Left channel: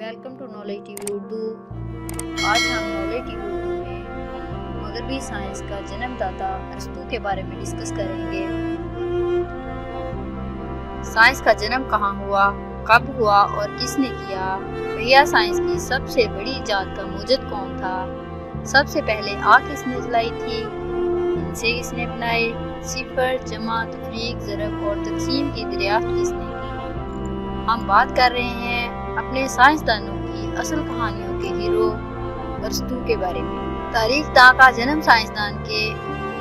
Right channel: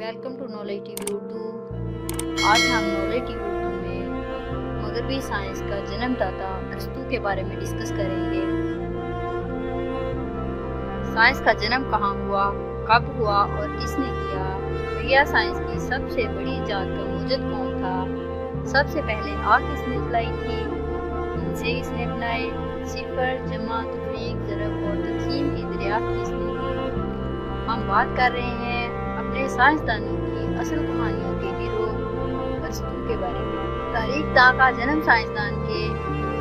Welcome to knowledge TV Urdu. आज हम knowledge TV Urdu में मगरबी साइंस का जन्मदाता अरस्तू के बारे में डिस्कस करेंगे। साइंस का जन्म कहाँ हुआ, कब हुआ और किसने किया? पहिया साइंस की सबसे बड़ी इजाद का मूजद कौन था? सबसे पहले आग किसने जलाई थी? हिंसे किसने बनाए? सिफर, जमा, तफरीक, ज़रब और तकसीम की दरियाफ्त किसने की? हम बात कर रहे हैं अपने साइंसदानों की असल कहानियों के हीरो अरस्तू के बारे में। तारीख दां का जन्म साइंसदान के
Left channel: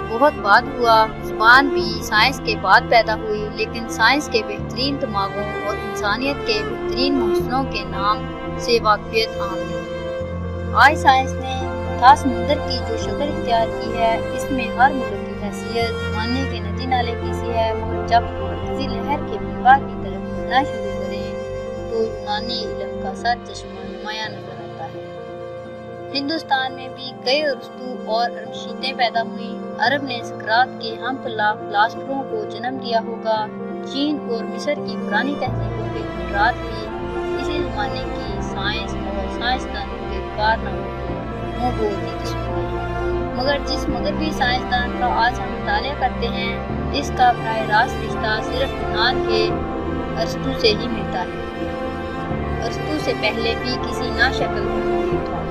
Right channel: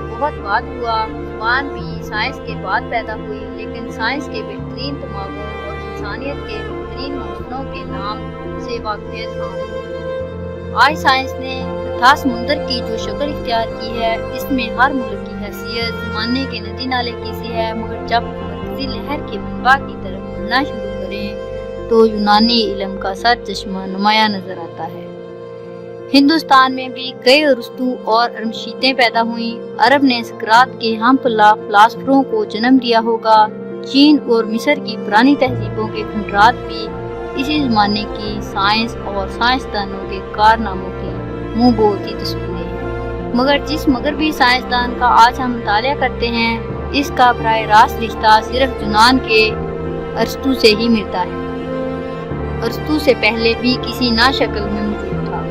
बहुत बाद हुआ। ज़ुबान भी साइंस के बाद पैदा हुई, लेकिन साइंस के बेहतरीन दिमागों और इंसानियत के बेहतरीन मौसलों के नाम से वाक़ियत आम है। आज साइंस ने अथाह समुंदर की जो शक्ल इख्तियार की है, इसमें हर मुल्क की हैसियत ज़माने के नदी नाले की सी है। मगर जब मरकज़ी लहर के मनबा की तरफ बढ़ना शुरू करें तो यूनानी इल्म का सर चश्मा नुमाया नजर आता है। हिंदुस्तान में भी कई अरस्तू और अरमशीतें पैदा हुईं। अरब ने सकरात के हमपल्ला फिलासफरों को जन्म दिया होगा। चीन और मिस्र की पुरानी तहजीबों के खंडरात भी इसी जमाने की साइंस और साइंसदानों के कारनामों की मुंह बोलती तस्वीरें हैं। मगर जिस मगरबी साइंसदान का आज हम मुतालिया करते हैं, इसका बराह रास्त रिश्ता सिर्फ यूनान के अरस्तू से ही मिलता है। अरस्तू से पहले भी किसी नाशक्ल में मौजूद था,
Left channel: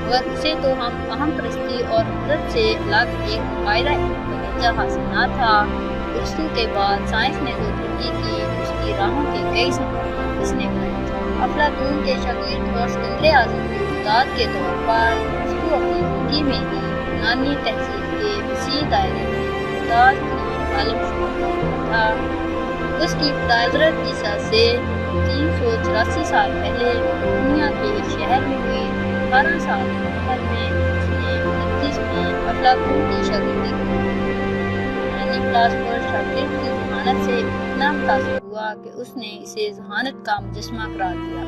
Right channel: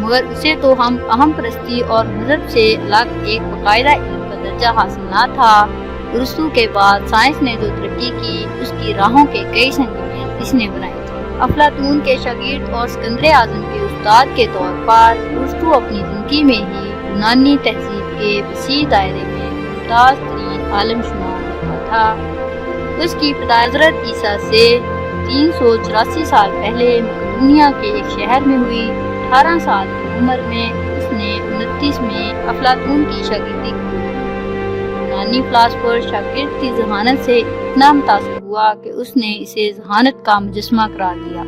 मगर उसे तो हम अहम परस्ती और मजहब से अलग एक बाकायदा इल्म का दर्जा हासिल ना था। अरस्तू के बाद साइंस ने जो तरक्की की, उसकी राहों के कई संजीदे इसने बनाए थे। अफलातून के शागिर्द और सिकंदर आज़म के उस्ताद के तौर पर अरस्तू अपनी जिंदगी में ही यूनानी तहजीब के वसी दायरे में मुमताज़ तरीन आलिम शुमार होता था। उसकी इब्तिदा हज़रत ईसा से 384 साल पहले मकदूनिया के एक शहर में हुई। 18 साल की उम्र में उसने 29 में अफलातून की शागिर्दी की। यूनानी फिलासफर शागिर्द की जहानत से इतना मुतासिर हुआ कि उसने इसे जहानत का मुजस्मा करार दिया।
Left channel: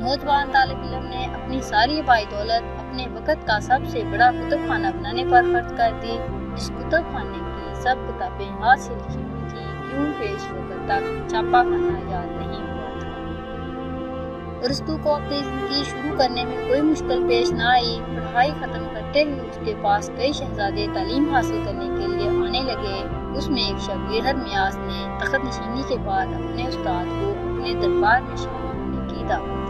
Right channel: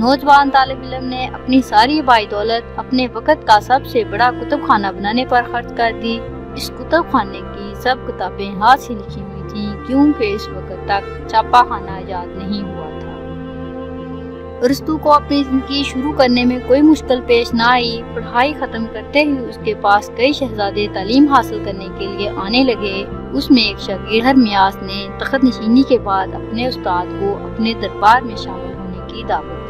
नौजवान तालिब इल्म ने अपनी सारी बाई दौलत अपने वक़्त का सबसे बड़ा कुतुब खाना बनाने पर खर्च कर दी। इस कुतुब खाने की सब किताबें हाथ से लिखी हुई थी, क्योंकि इस वक्त तक छापा खाना इजाद नहीं हुआ था। अरस्तू को अपनी जिंदगी शुरू करने में कोई मुश्किल पेश ना आई। पढ़ाई खत्म करते ही उसके पास कई शहजादे तालीम हासिल करने के लिए आने लगे। उसमें एक शागिर्द हरमियास ने तख्त नशीनी के बाद अपने उस्ताद को अपने दरबार में शामिल होने की दावत दी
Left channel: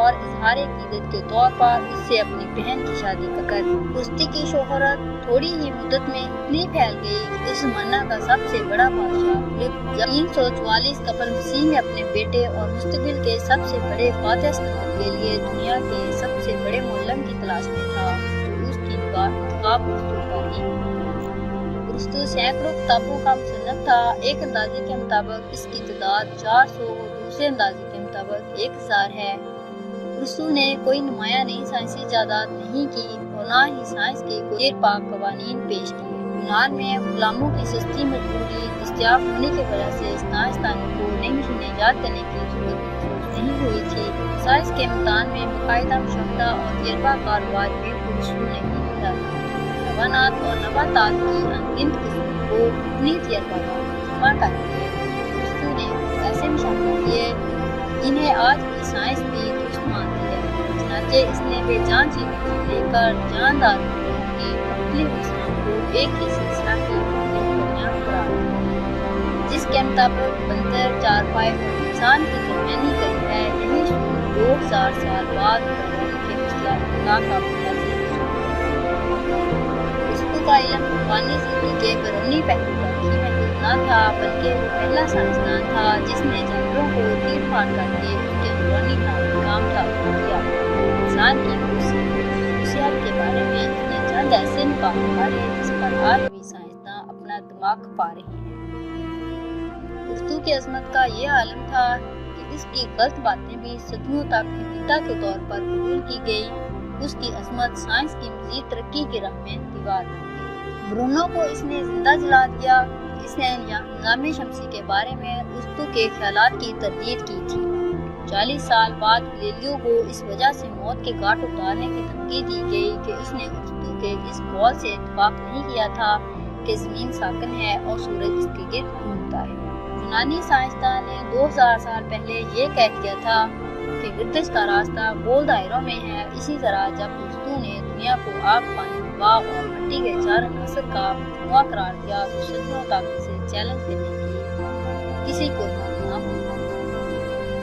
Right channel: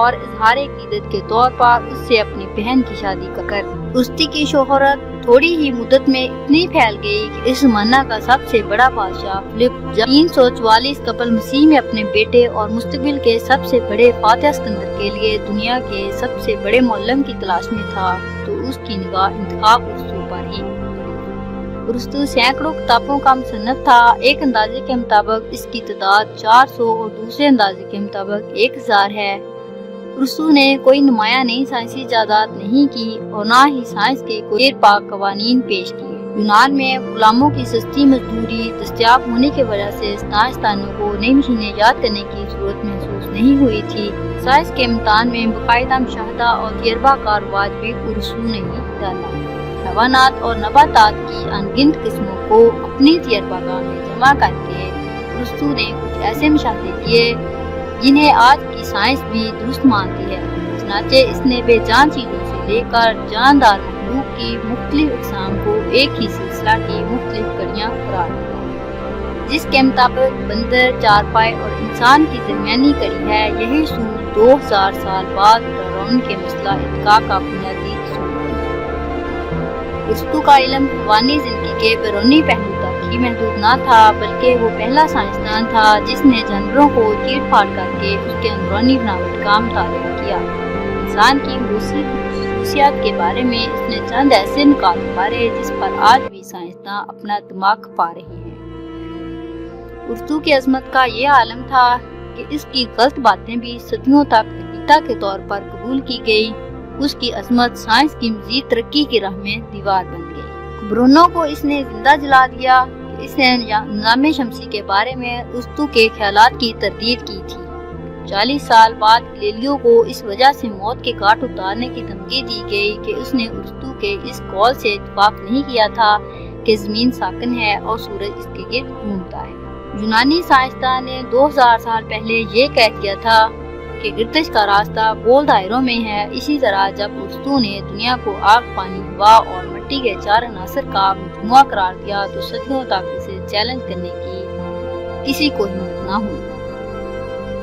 और इजहार अकीदत के तौर पर उससे अपनी बहन की शादी कर दी। उस्ती की शोहरत थोड़ी ही मुद्दत में इतनी फैल गई कि इस ज़माना का सबसे बड़ा बादशाह फिलिप 344 कबल मसीह में अपने बेटे और मुस्तकबिल के सबसे बड़े फातिह सिकंदर के लिए दुनिया के सबसे बड़े मुअल्लिम की तलाश में था, तो उसकी निगाह इंतखाब अरस्तू पर ही। अरस्तू सैकड़ों किताबों का मुसन्निफ था। एक अंदाजे के मुताबिक इसकी तादाद 400 और दूसरे अंदाजे के मुताबिक 1000 है। अरस्तू ने कोई नुमाया नई साइंसी इजादात नहीं की और ना ही साइंस के कोई पाक कवानीन पेश किए। यूनान में गुलामों की सस्ती मजदूरी दस्तयाब होने की वजह से साइंसदानों को नई मशीनें ईजाद करने की जरूरत महसूस नहीं हुई थी। साइंस के इम्तिहान में बाकायदा मुशाहदा और तजर्बा का रिवाज भी अरस्तू ने ही डाला। हैवानात और नबातात की अनगिनत किस्मों को अपनी तजर्बागाह में जमा करके अरस्तू ने कुछ ऐसे मुशाहदे किए जिन्हें आज की साइंस भी दुरुस्त मानती है। चनाचे इसने बेजान चीजों से लेकर जानदार मखलूक की मुख्तलिफ अक़साम को एक ही सिलसिला की मुख्तलिफ कड़ियाँ करार दी, जिसके मुताबिक बंदर, चारपाई और इंसान की दरमियानी कड़ी है। यही सूर 2000 साल बाद डार्विन के मसला इल्का का बुनियादी असूल है। अरस्तू का इल्म रूहानी जिंदगी के बैरूनी पहलू तक ही महदूद न था, बल्कि वो पहला साइंसदान था जिसने जानवरों को चीर फाड़ करके उसके अंदरूनी बनावट का मुताबिक किया। इंसान की खसूसियात के बारे में इसने चंद ऐसे निकाल मारे जिस पर आज भी साइंसदान अपना दिमाग खपा रहे हैं। अरस्तू की अजमत का ये आलम था कि इसकी गलत बातें भी सदियों तक अकीदा के तौर पर कबूल की गई। उसकी अजमत साइंस की मजीद तरक्की की राह में दीवार बन गई। ब्रूनो को इसने जिंदा जला दिया। इसने निज़ाम शमसी के बारे में अरस्तू के ख्यालात की तरदीद की थी। 40 साल बाद गैलीलियो को इस वजह से मौत के घाट उतारने की धमकी दी गई कि उसने अरस्तू के इस कौल से इत्तफाक नहीं किया था कि जमीन साकन है और सूरज इसके गिर्द घूमता है। यूनानी साइंसदान ने 2000 साल पहले ये कह दिया था کہ گردش کا راستہ گول دائروں میں ہے، اسی طرح جب ارسطو نے دنیا کو آگ، پانی، ہوا اور مٹی کے 4 عناصر کا مجموعہ قرار دیا تو صدیوں تک اسے چیلنج کرنے کی کسی کو ہمت نہ ہوئی۔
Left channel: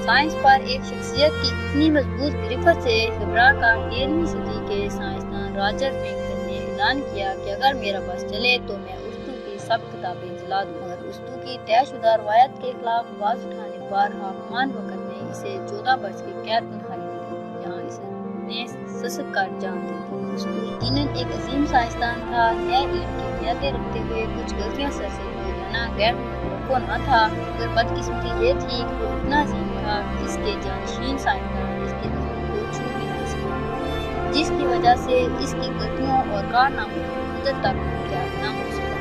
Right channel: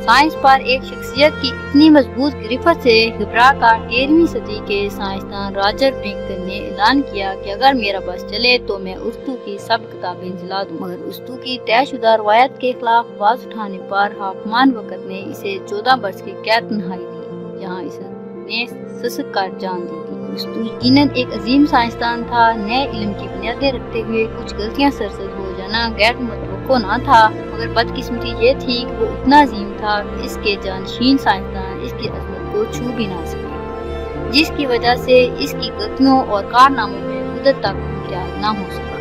سائنس پر ایک شخصیت کی اتنی مضبوط گرفت سے گھبرا کر 13ویں صدی کے سائنسدان راجر برنگٹن نے اعلان کیا کہ اگر میرا بس چلے تو میں ارسطو کی سب کتابیں جلا دوں، مگر ارسطو کی طے شدہ روایت کے خلاف آواز اٹھانے پر حاکمان وقت نے اسے 14 برس کی قید نہائی دی، جہاں اس نے سسک کر جان دی تھی۔ ارسطو یقیناً ایک عظیم سائنسدان تھا، نئے علم کی بنیادیں رکھتے ہوئے کچھ غلطیاں سرزد ہو جانا غیر متوقع نہ تھا، مگر بدقسمتی یہ تھی کہ وہ اتنا عظیم تھا کہ اس کے جانشین سائنسدان اس کی عظمت کو چھو بھی نہ سکے، جس کی وجہ سے اس کی غلطیوں اور کارناموں میں مدت تک امتیاز نہ ہو سکا۔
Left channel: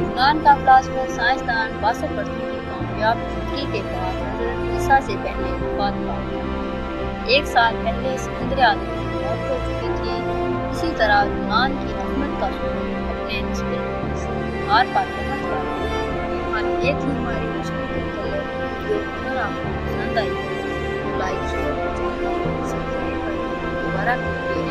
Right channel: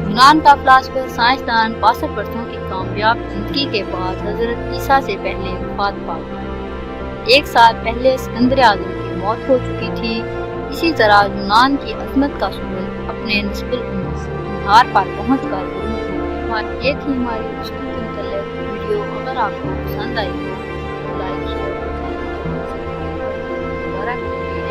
یونان کا فلاسفر سائنسدان 62 برسوں کی کامیاب زندگی کے بعد حضرت عیسیٰ سے پہلے وفات پا گیا۔ 1 سال پہلے اسکندر اعظم کی موت ہو چکی تھی۔ اسی طرح یونان کی عظمت کا سورج اپنے نصف النہار پر پہنچ کر غروب ہوا۔ یہ تھی ہماری ارسطو کے متعلق ویڈیو۔ اگر آپ کو پسند آئی ہو تو لائک، شیئر اور دوبارہ ملتے ہیں۔